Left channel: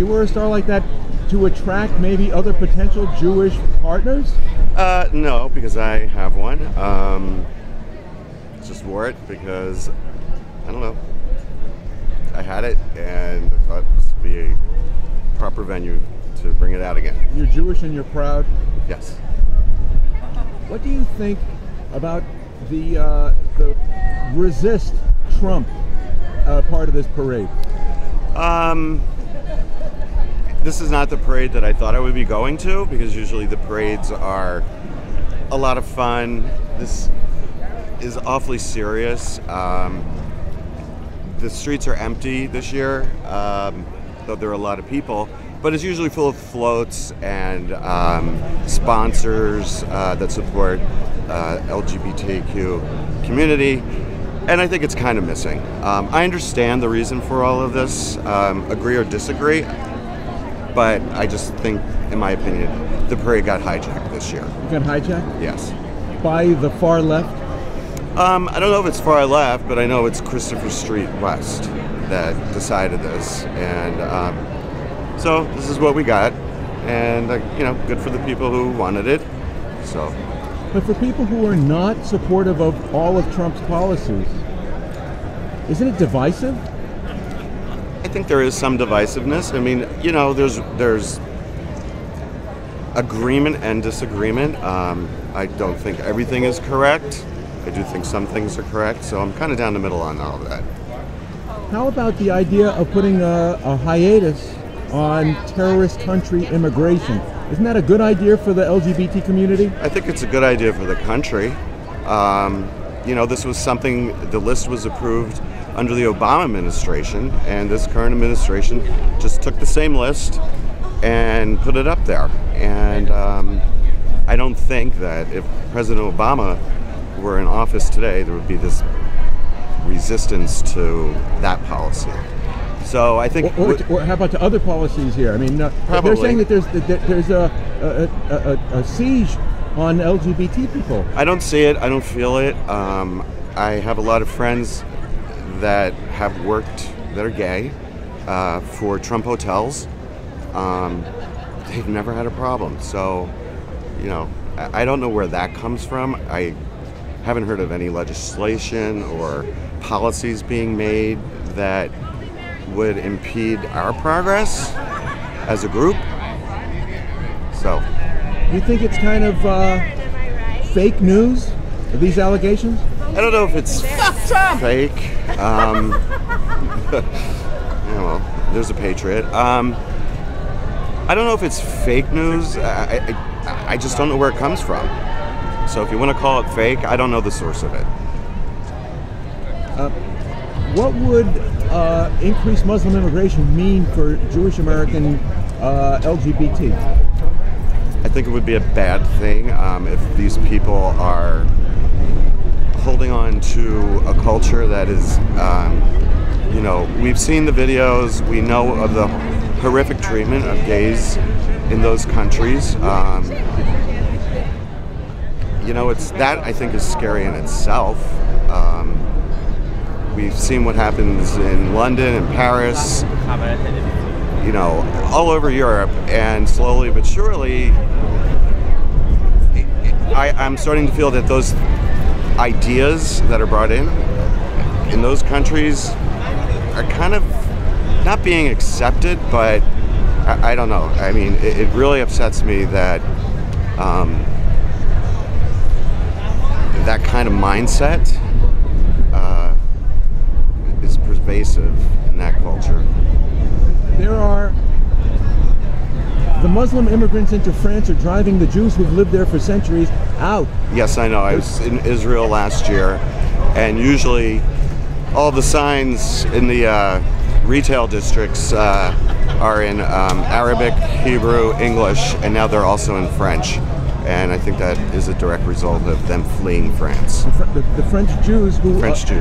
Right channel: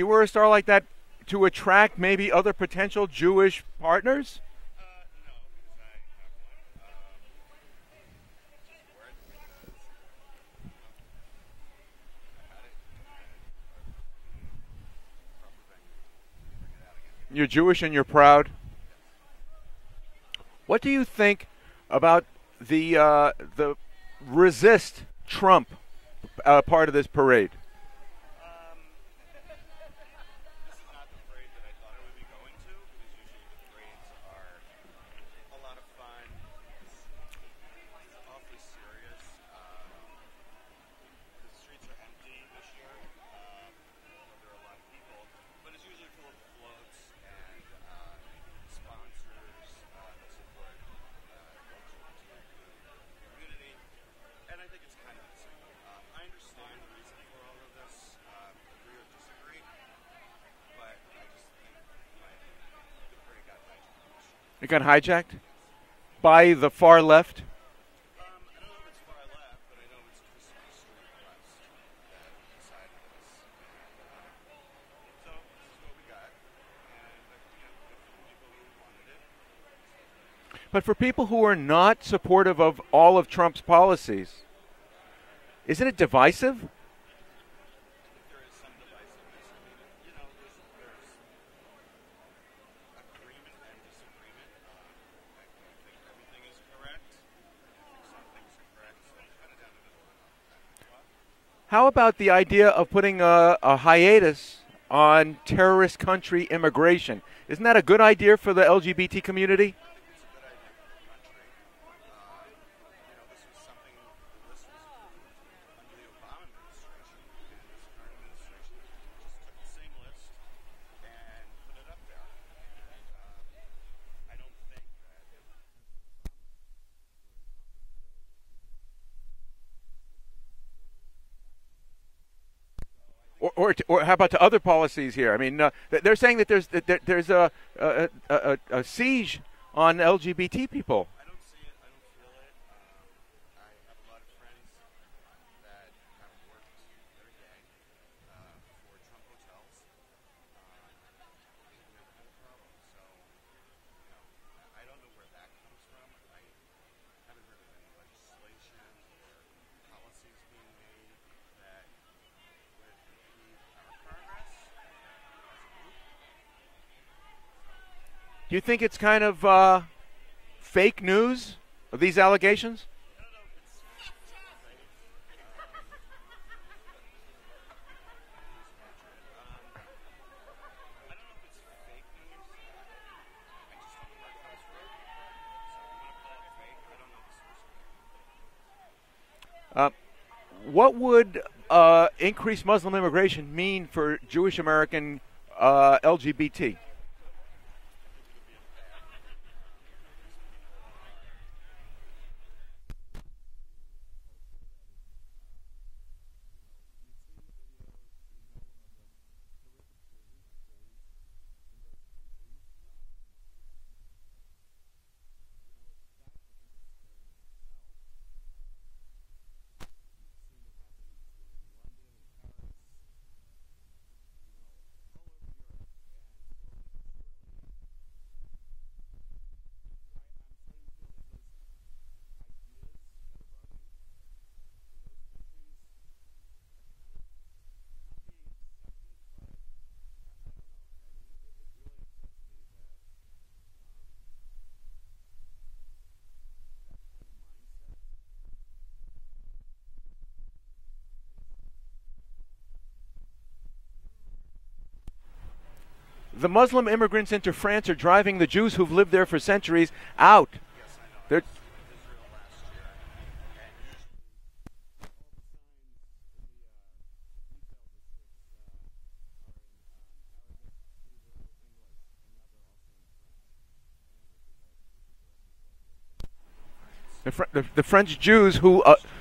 you wear a star like that to attract maybe other potential Jewish partners? No, because I have one. Just wore it because, I don't know, I had it and I thought this would be a proper venue to bring it out again. You're Jewish and you're proud? Yes. What do you think about the resist Trump part of this parade? This is not the parade that I thought I would be going to, because usually the parades are a lot of fun. This is awfully serious. The streets are empty this year, though there are a lot of people, but it's usually full of floats and sponsors that support LGBTQ community, and I think it's kind of missing. I understand the reason for all of this, agree or disagree, but I just think, in my opinion, the parade got hijacked this year. You got hijacked? Yes. By the far left? I don't know if it's far left, but I know it's Christopher Street West that decided this, and so this is what we got, and you know, good for the people who wanted it. So. But for people who are not supportive of all of Trump's policies, isn't it divisive? I think there is some divisiveness. I mean, you know, there's agreement and disagreement. I don't think everything is correct. I do think some things are correct, so I'm kind of down the middle on all of that. How about the idea of putting a hiatus on terrorist country immigration? Isn't that a good idea for the LGBT community? I think it's a good idea for the country. You know, this was something, the list was approved under the Obama administration, and this current administration just took the same list and put it up there. And I don't think that if President Obama were in office today, there would be this resistance to that policy. So I think, or how about to other policies here? I mean, they're saying that there's a siege on LGBT people. I don't see it. I don't feel it. I have a lot of friends that have worked that are gay for Trump hotels. They've never had a problem. So, you know, I don't know where that comes from. I haven't heard of any legislation or policies being made that would impede our progress as a group. So, you think it's kind of fake news, these allegations? I don't know if it's fake. Yeah, well, there's a patriot. I don't know if it's fake news. I just don't know where it comes from. So if you want to call it fake, I don't know the source of it. What would increased Muslim immigration mean for Jewish American LGBT? I think it would be a bad thing if these people are holding on to a culture that is, you know, we've seen the videos, we know of the horrific treatment of gays in those countries. You know, it's that I think is scary in itself. We've seen what happens in London and Paris, you know, all over Europe, and slowly but surely, I'm starting to feel that those ideas that are brought in those countries are kind of not being accepted, but I don't know. I mean, it really upsets me that that kind of mindset is pervasive in that culture. The Muslim immigrants into France are driving the Jews who've lived there for centuries out. Yes, I know. I was in Israel last year, and usually all the signs in the retail districts are in Arabic, Hebrew, English, and now they're also in French. And I think that is a direct result of them fleeing France. The French Jews,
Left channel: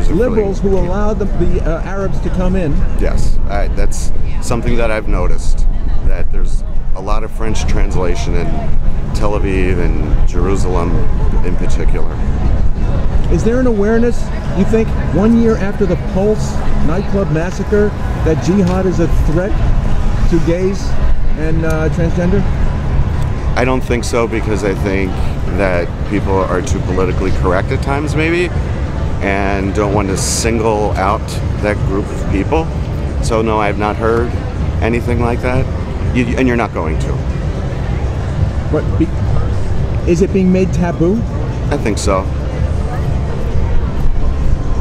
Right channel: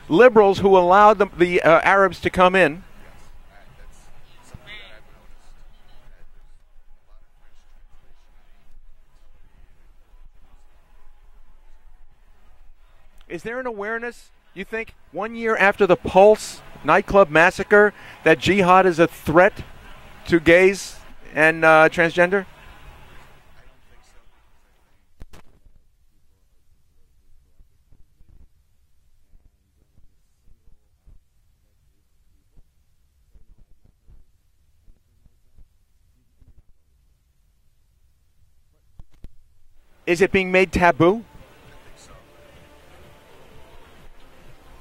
liberals who allowed the Arabs to come in. Yes, that's something that I've noticed, that there's a lot of French translation in Tel Aviv and Jerusalem in particular. Is there an awareness, you think, 1 year after the Pulse nightclub massacre, that jihad is a threat to gays and transgender? I don't think so, because I think that people are too politically correct at times, maybe, and don't want to single out that group of people. So no, I have not heard anything like that, and you're not going to. What, is it being made taboo? I think so.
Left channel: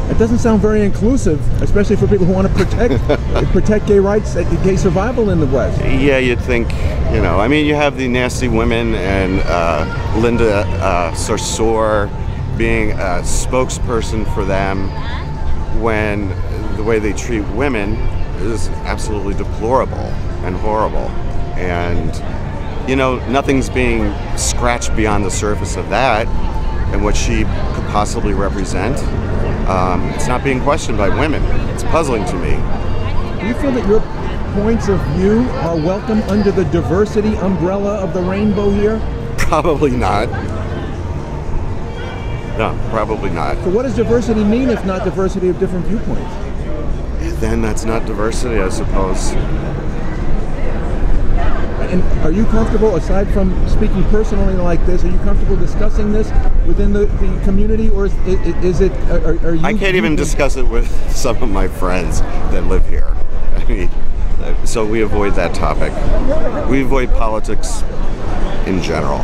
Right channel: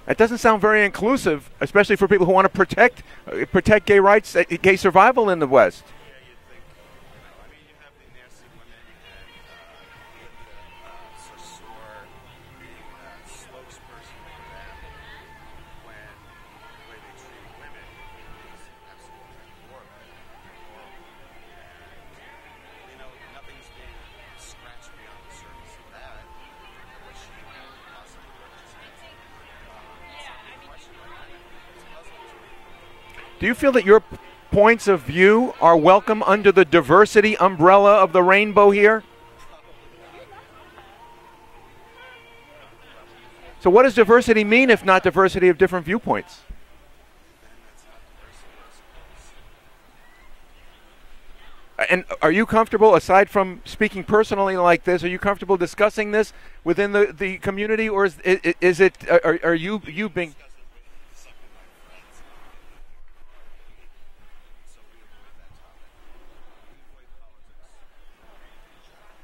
It doesn't sound very inclusive, especially for people who want to protect gay rights, gay survival in the West. Yeah, you'd think, you know, I mean, you have the nasty women and Linda Sarsour being a spokesperson for them, when the way they treat women is absolutely deplorable and horrible. And, you know, nothing's being scratched beyond the surface of that and what she could possibly represent. It's not being questioned by women. It's puzzling to me. Do you feel that your points of view are welcome under the diversity umbrella of the rainbow here? Probably not. No, probably not. So what does diversity mean if not diversity of different viewpoints? Then that's not diversity, I suppose. And are you comfortable, aside from speaking personally like this, are you comfortable discussing this within the community, or is it, are you... I can't even discuss it with some of my friends that live here. I mean, so we avoid that topic. We avoid politics in general.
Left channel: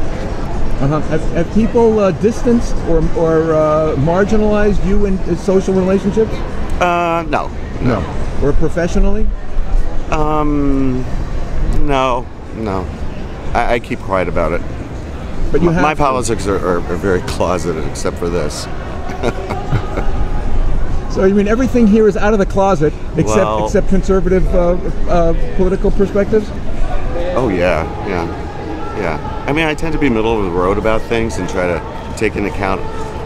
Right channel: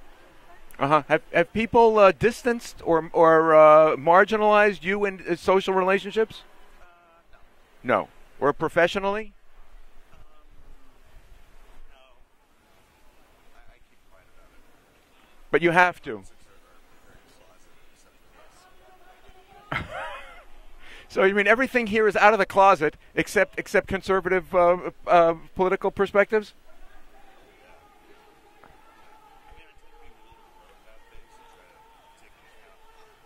Have people distanced or marginalized you in social relationships? No. Or professionally? No. I keep quiet about it. But you have my politics are very closeted, except for this. So you mean everything here is out of the closet, except conservative political perspectives? Oh yeah. I mean, I tend to be middle of the road about things and try to take into account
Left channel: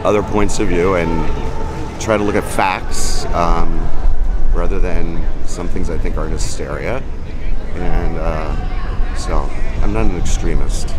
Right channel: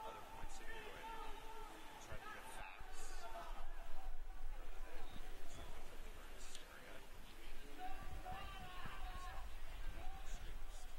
other points of view and try to look at facts rather than some things I think are hysteria. And so I'm not an extremist.